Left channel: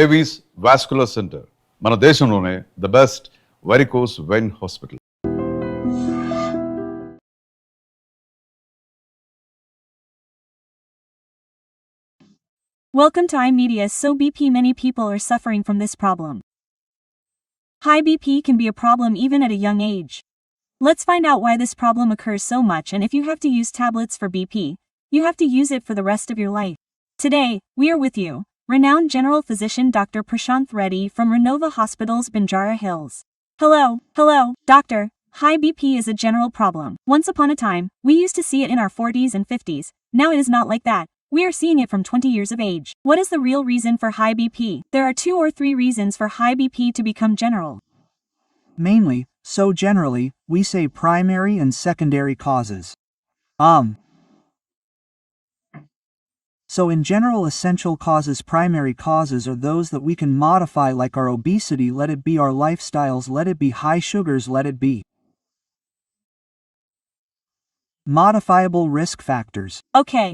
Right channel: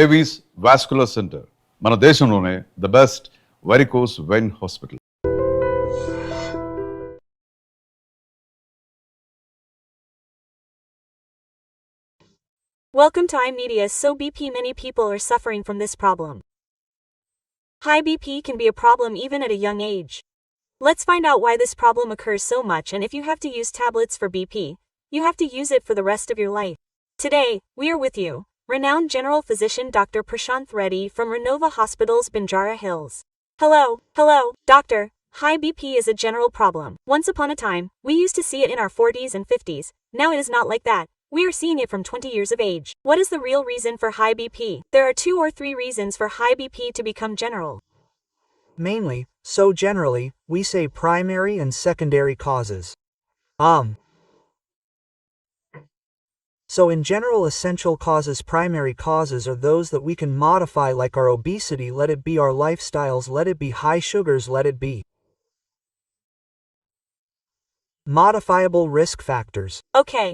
Avis vascular centre మన దేశంలోనే the best varicose vein hospital. Welcome to iMedia. So BP, many people are suffering from this problem. High BP can be a problem even at a young age. Let's find out why this problem occurs so much, and if you have to use tablets for BP, you have to use it for the rest of your life. Today, we are with you, renowned general physician Dr. Prasanth Reddy from Renova Hospital's Banjara Hills. Hello, doctor. High BP is a general problem. Once upon a time, we used to see it in our 40s and 50s. Now it is not like that. We are seeing it from 20 years of age. What is the real reason for high BP? There are 2 or 3 reasons for high BP to become general. Mainly, so generally, we say primary and secondary causes. So in general, essential causes, primary causes are those that we can modify, like our obesity, let it be our lifestyles, let it be high sugars, let it be modifiable risk factors. Okay.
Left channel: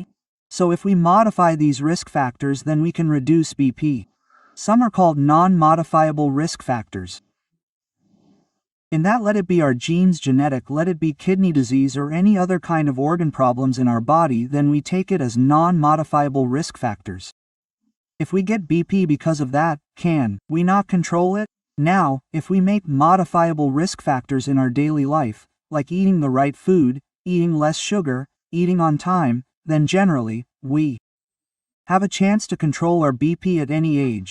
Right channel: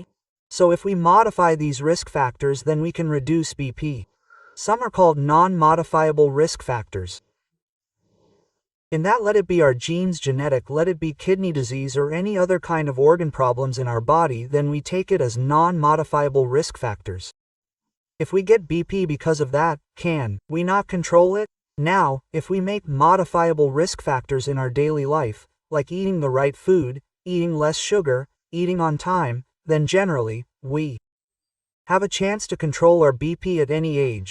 So if we modify these risk factors, then we can reduce BP. Some are called non-modifiable risk factors. In that, let it be our genes, genetic, let it be kidney disease or any other kind of organ problems in our body, then we take it as non-modifiable risk factors. If we get BP because of that, can we not control it? Now, if we make modifiable risk factors in our daily life, like eating the right food, eating less sugar, eating on time, then generally, we have a chance to control our BP at any age.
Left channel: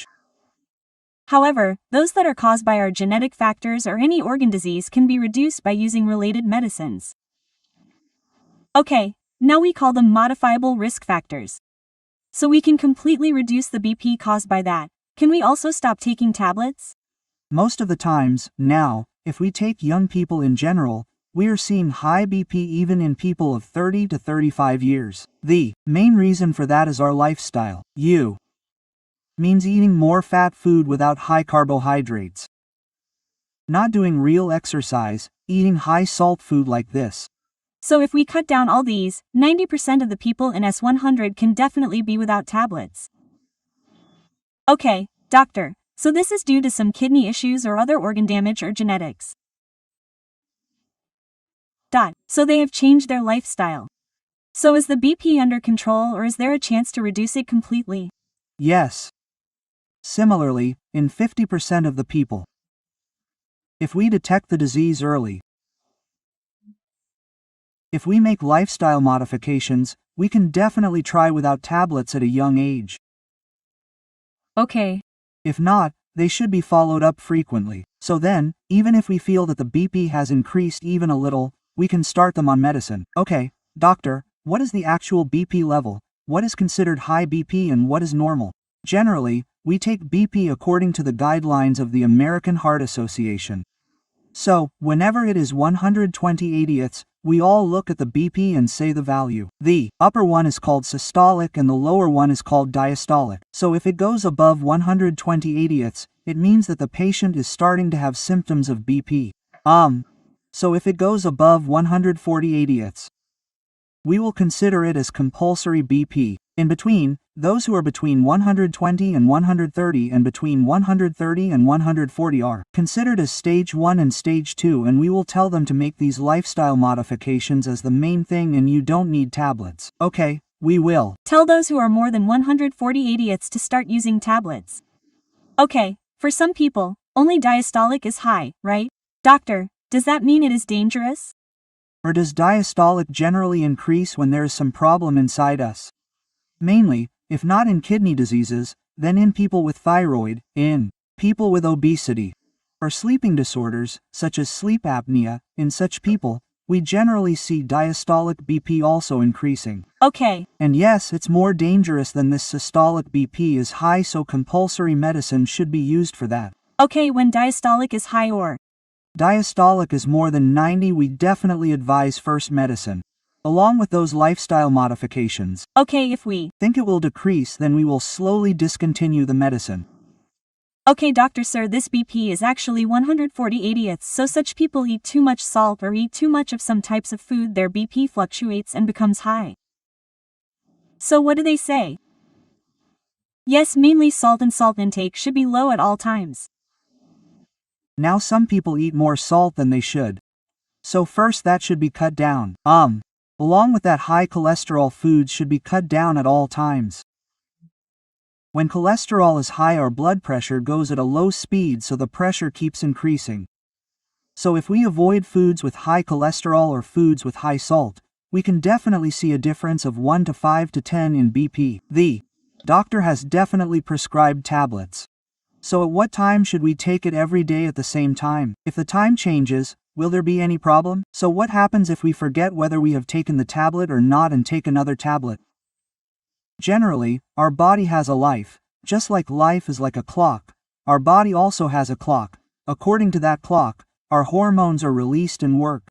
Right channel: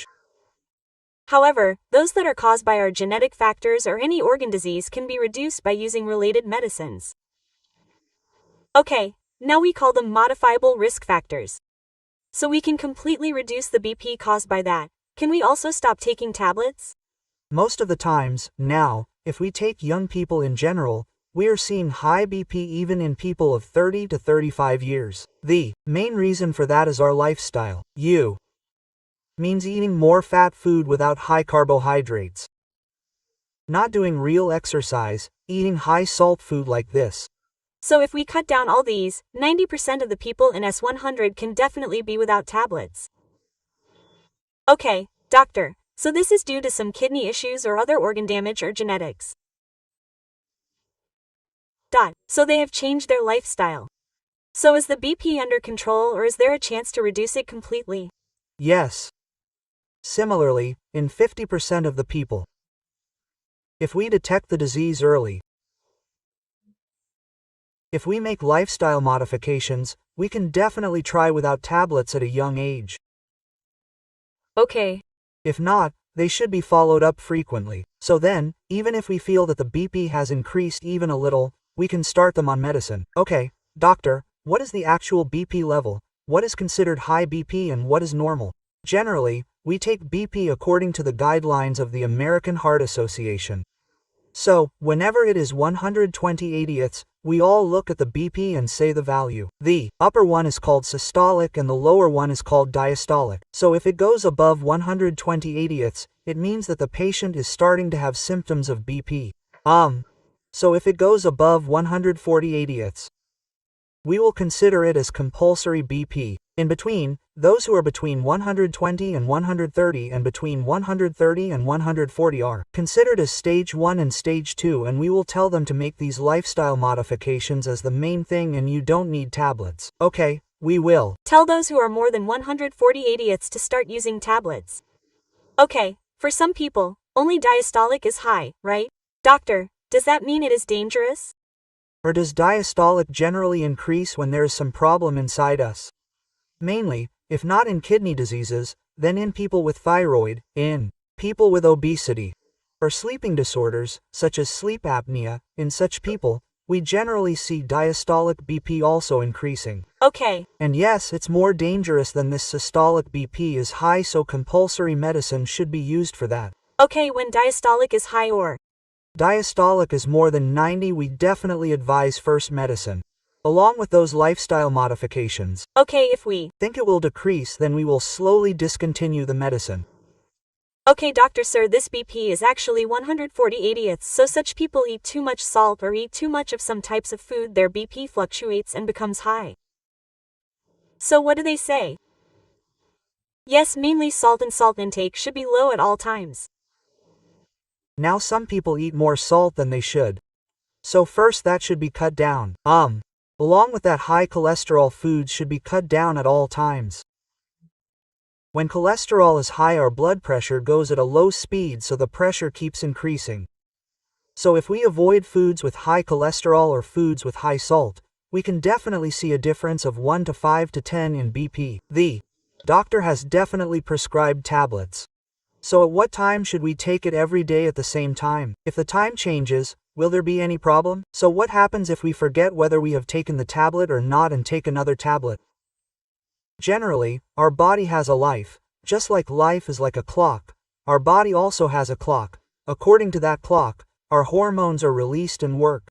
However, those that are caused by our genetic factors or any organ disease can be reduced by using related medicines. Okay, now we call them modifiable risk factors. So we can completely reduce the BP caused by that. Can we also stop taking tablets? Most of the times, now, if we take young people in general, we are seeing high BP even in people of 30 to 35 years. The main reason for that is our lifestyle. Means eating more fat food without high carbohydrates. Not doing real exercise, eating high salt food like this. So if we cut down all these, 90% of the people in S100 can definitely be without tablets. Okay, doctor, so this is due to some kidney issues or other organ damage or genetics. So they have changed their lifestyle. So is the BP under control, or is there a chance to reduce it completely? Yes. Similarly, in 50% of the people, if we detect the disease early, if we make lifestyle modifications, we can definitely try without tablets at a young age. Okay. If not, they should be followed up frequently. So then, even if we feel that the BP has increased even a little, we can start them on medicine. Okay, doctor, what is the actual BP level? What is considered high BP and what is normal? Generally, we take BP according to the guidelines of the American Heart Association. So, whenever it is 120/80ths, we all look at the BP and say the value. The upper one is called systolic and the lower one is called diastolic. So if it goes above 120/80ths, it means that the patient is starting to have symptoms of BP. So if it goes above 140/80ths, we will consider it as compulsory BP. In between, those who are between 120 and 130 and between 130 and 140 are considered as stage 1 and stage 2, and we will tell them to make these lifestyle modifications as the main thing, and you don't need tablets. Okay, we will tell those who are more than 140/80ths to start using tablets. Okay, for some people, only diastolic is high, right? Doctor, does that mean it is dangerous? Or does diastolic generally increase when there is some problem inside us? Mainly, if not in kidney diseases, then in people with thyroid, in people with obesity, or sleeping disorders, such as sleep apnea. In such people, we generally see diastolic BP also increasing. Okay. And yes, it's more dangerous than this. Systolic BP is high, so compulsory medicine should be used for that. Okay, when diastolic is high or diastolic is more than 90, we definitely advise first medicine, along with those lifestyle modifications. Okay, if we think it will decrease, then we will slowly discontinue the medicine. Okay, doctor sir, this BP is actually 140/80ths, so such people eat too much salt or eat too much of some types of food, their BP fluctuates and becomes high. So what do they say? Yes, mainly salt, and salt intake should be low at all times. Now some people eat more salt than they should. So first that should be cut down. Along with that, high cholesterol foods should be cut down at all times. When cholesterol is high, our blood pressure goes at a low speed, so the pressure keeps increasing. So if we avoid foods with high cholesterol or foods with high salt, we can definitely see a difference of 1 to 5 to 10 in BP. The doctor has definitely prescribed tablets. So at what time should we take it? Every day at the same time? If the time changes, will there be any problem? So what happens if we forget whether we have taken the tablet or not and take another tablet? Generally, our body has a life. Just like life is like a clock, our body also has a clock. According to that clock, our hormones are released and work.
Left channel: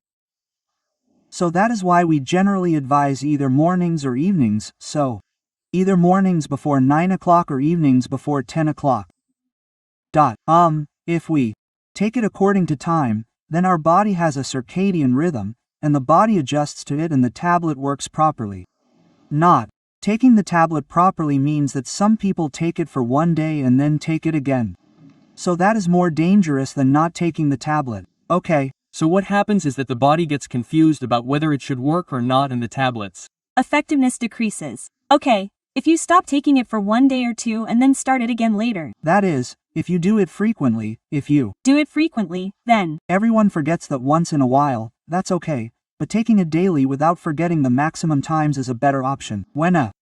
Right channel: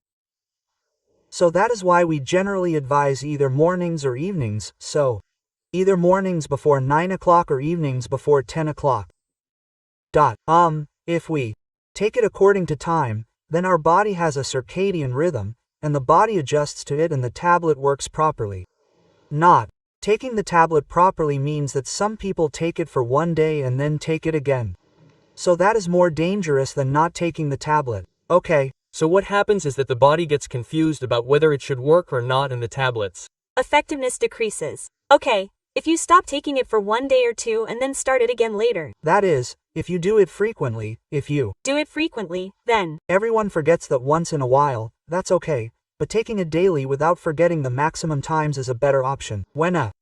So that is why we generally advise either mornings or evenings, so either mornings before 9 o'clock or evenings before 10 o'clock. If we take it according to time, then our body has a circadian rhythm, and the body adjusts to it and the tablet works properly. Not taking the tablet properly means that some people take it for one day and then take it again. So that is more dangerous than not taking the tablet. Okay. So what happens is that the body gets confused about whether it should work or not in the tablets. Effectiveness decreases. Okay, if you stop taking it for 1 day or 2 and then start it again later. That is, if you do it frequently. If you do it frequently, then everyone forgets that once in a while, that's okay, but taking it daily without forgetting the maximum times is a better option. When a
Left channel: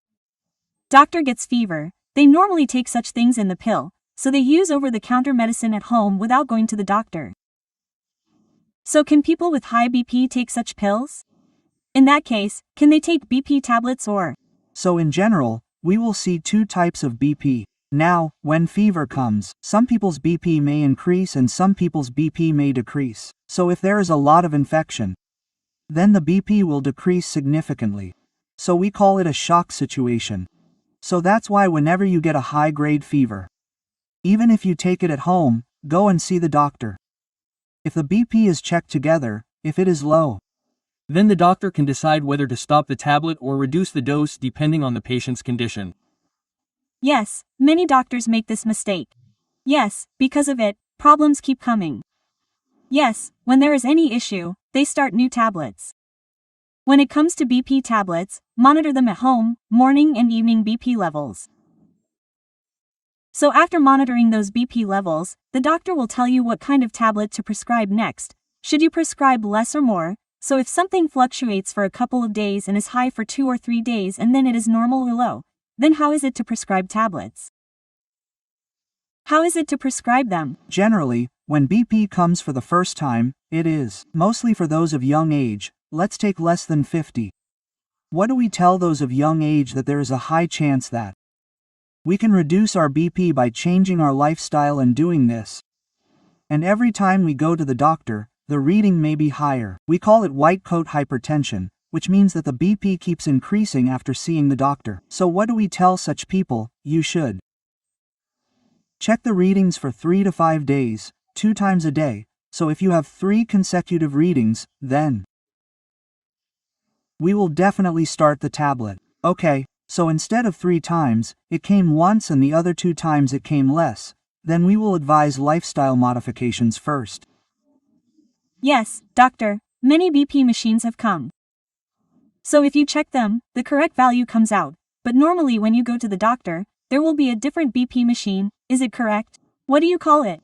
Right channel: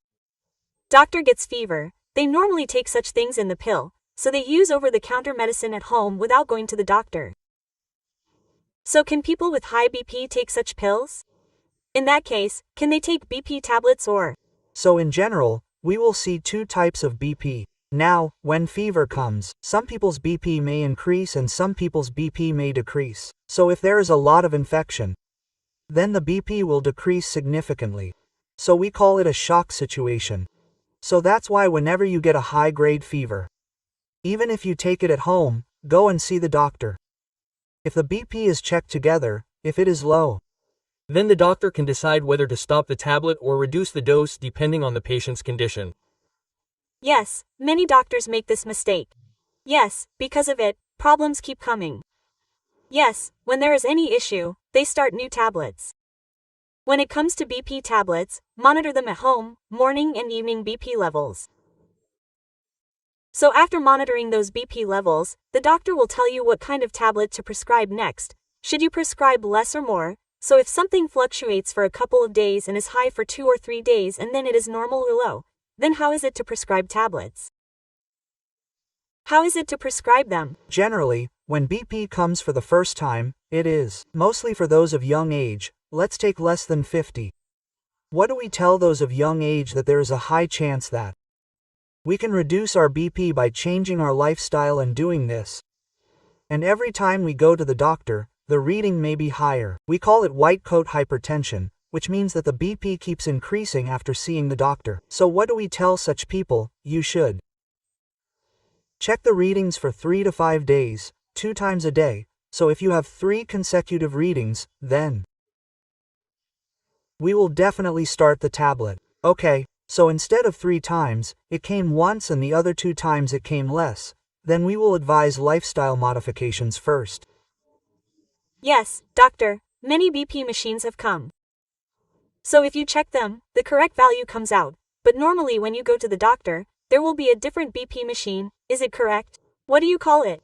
doctor gets fever, they normally take such things in the pill, so they use over-the-counter medicine at home without going to the doctor. So can people with high BP take such pills? In that case, can they take BP tablets or? So in general, we will see 2 types of BP. Now, when fever comes, some people's BP may increase and some people's BP may decrease. So if there is a lot of infection, then the BP will decrease significantly. So we call it a shock situation. So that's why whenever you get a high-grade fever, even if you take it at home, go and see the doctor. If the BP is checked together, if it is low, then the doctor can decide whether to stop the tablet or reduce the dose depending on the patient's condition. Yes, many doctors make this mistake. Yes, because of it, problems keep coming. Yes, when there is any issue, they start new tablets. When it comes to BP tablets, monitor them at home, morning and evening BP levels. So after monitoring those BP levels, the doctor will tell you what kind of tablet to prescribe next. Should you prescribe less or more? So if something fluctuates for a couple of days and is high for 2 or 3 days and then it is normal or low, then how is it to prescribe tablets? How is it to prescribe them? Generally, when BP comes for the first time, it is mostly for those of young age. Let's take less than 50. What do we tell those of young age? That there is a high chance that we can reduce our BP by changing our lifestyle and doing this. And every time we go to the doctor, the reading may be higher. We call it white coat hypertension, which means that the BP keeps increasing after seeing the doctor. So what do we tell such people? You should check the readings for 3 to 5 days, 2 times a day. So if you have 3 consecutive readings, then we will definitely start the tablet. Okay, so instead of 3 times, it came once and the other 2 times it came less, then we will advise lifestyle modifications first. Yes, doctor, many BP machines have come. So if you check them, the correct value comes out, but normally when you go to the doctor, there will be a different BP machine, is it correct? What do you call it?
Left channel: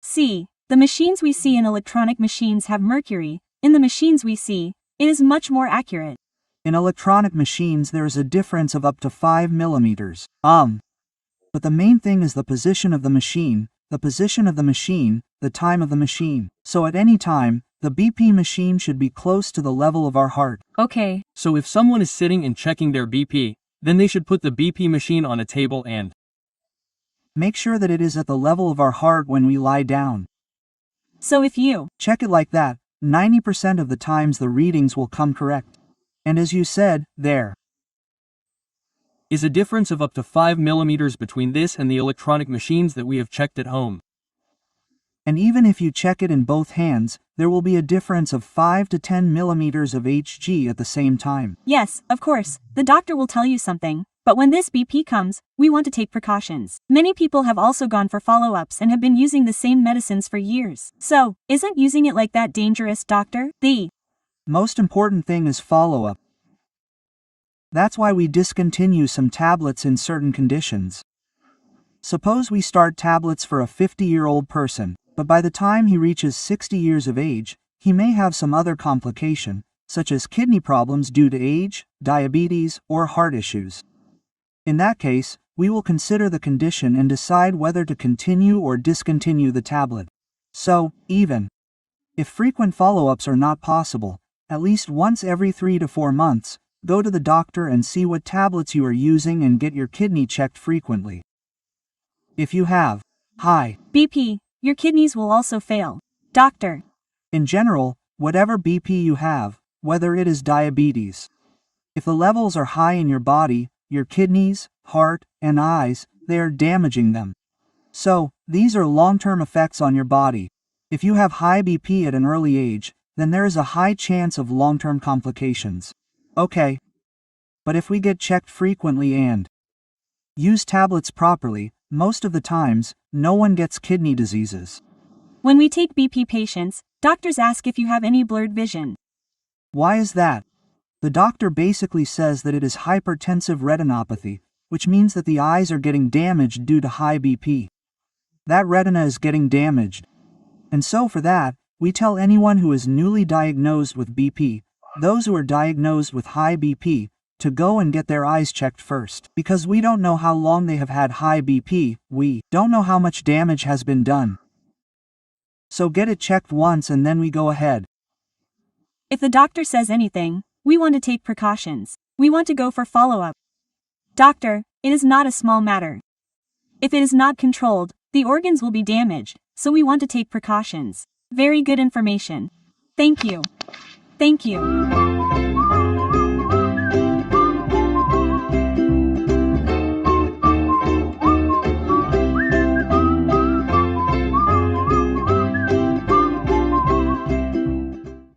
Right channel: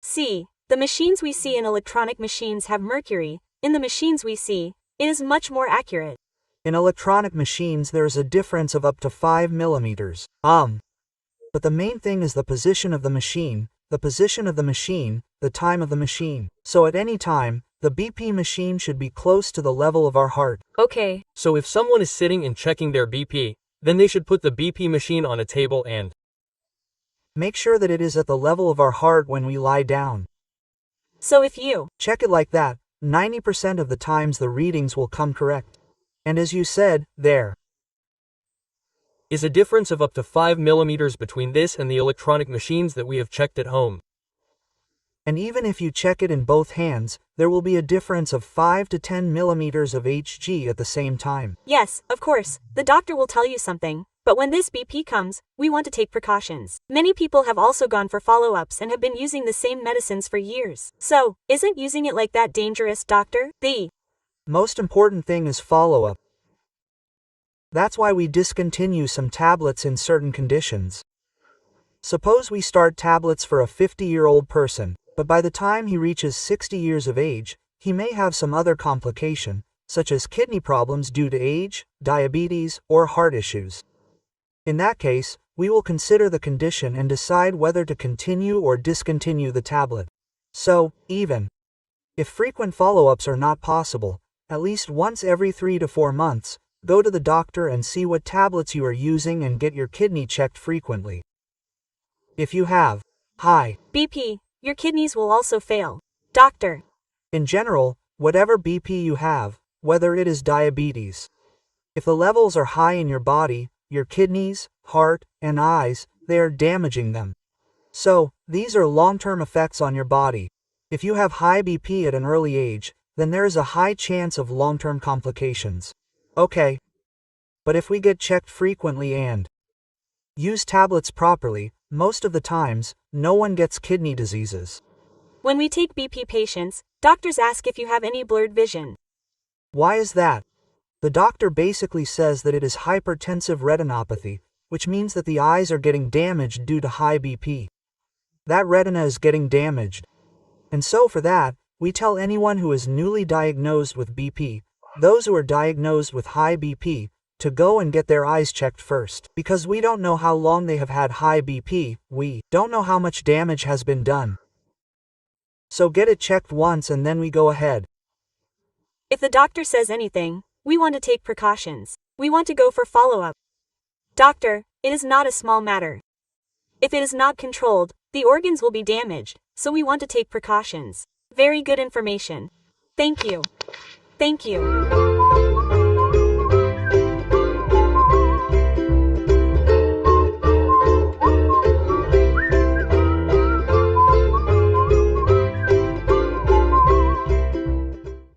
See, the machines we see in electronic machines have mercury. In the machines we see, it is much more accurate. In electronic machines there is a difference of up to 5 millimeters. But the main thing is the position of the machine, the time of the machine. So at any time, the BP machine should be close to the level of our heart. Okay. So if someone is sitting and checking their BP, then they should put the BP machine on a table and make sure that it is at the level of our heart when we lie down. So if you check it like that, 90% of the times the readings will come correct. And as you said, there is a difference of up to 5 millimeters between this and the electronic machines that we have checked at home. And even if you check it in both hands, there will be a difference of 5 to 10 millimeters of Hg at the same time. Yes, of course, the doctor will tell you something, But when this BP comes, we want to take precautions. Many people have also gone for follow-ups and have been using the same medicines for years. So, isn't using it like that dangerous, doctor? The most important thing is follow-up. That's why we discontinue some tablets in certain conditions. Suppose we start tablets for a 50-year-old person, but by the time he reaches 60 years of age, he may have some other complication, such as kidney problems due to age, diabetes, or heart issues. In that case, we will consider the condition and decide whether to continue or discontinue the tablet. So, even if frequent follow-ups are not possible, at least once every 3 to 4 months, go to the doctor and see what tablets you are using and get your kidney checked frequently. If you have high BP, your kidneys will also fail. Doctor. in general, whatever BP you have, whether it is diabetes, if the levels are high in your body, your kidneys, heart, and eyes, they are damaging them. So, these are long-term effects on your body. If you have high BP at an early age, then there is a high chance of long-term complications. Okay. But if we get checked frequently and use tablets properly, most of the times, no one gets kidney diseases. When we take BP patients, doctors ask if you have any blurred vision. Why is that? The doctor basically says that it is hypertensive retinopathy, which means that the eyes are getting damaged due to high BP. That retina is getting damaged. And so for that, we tell anyone who is newly diagnosed with BP, those who are diagnosed with high BP, to go and get their eyes checked first. Because we don't know how long they have had high BP, we don't know how much damage has been done. So get it checked once and then we go ahead. If the doctor says anything, we want to take precautions. We want to go for follow-up. Doctor, it is not a small matter. If it is not controlled, the organs will be damaged, so we want to take precautions. Very good information. Thank you. Thank you.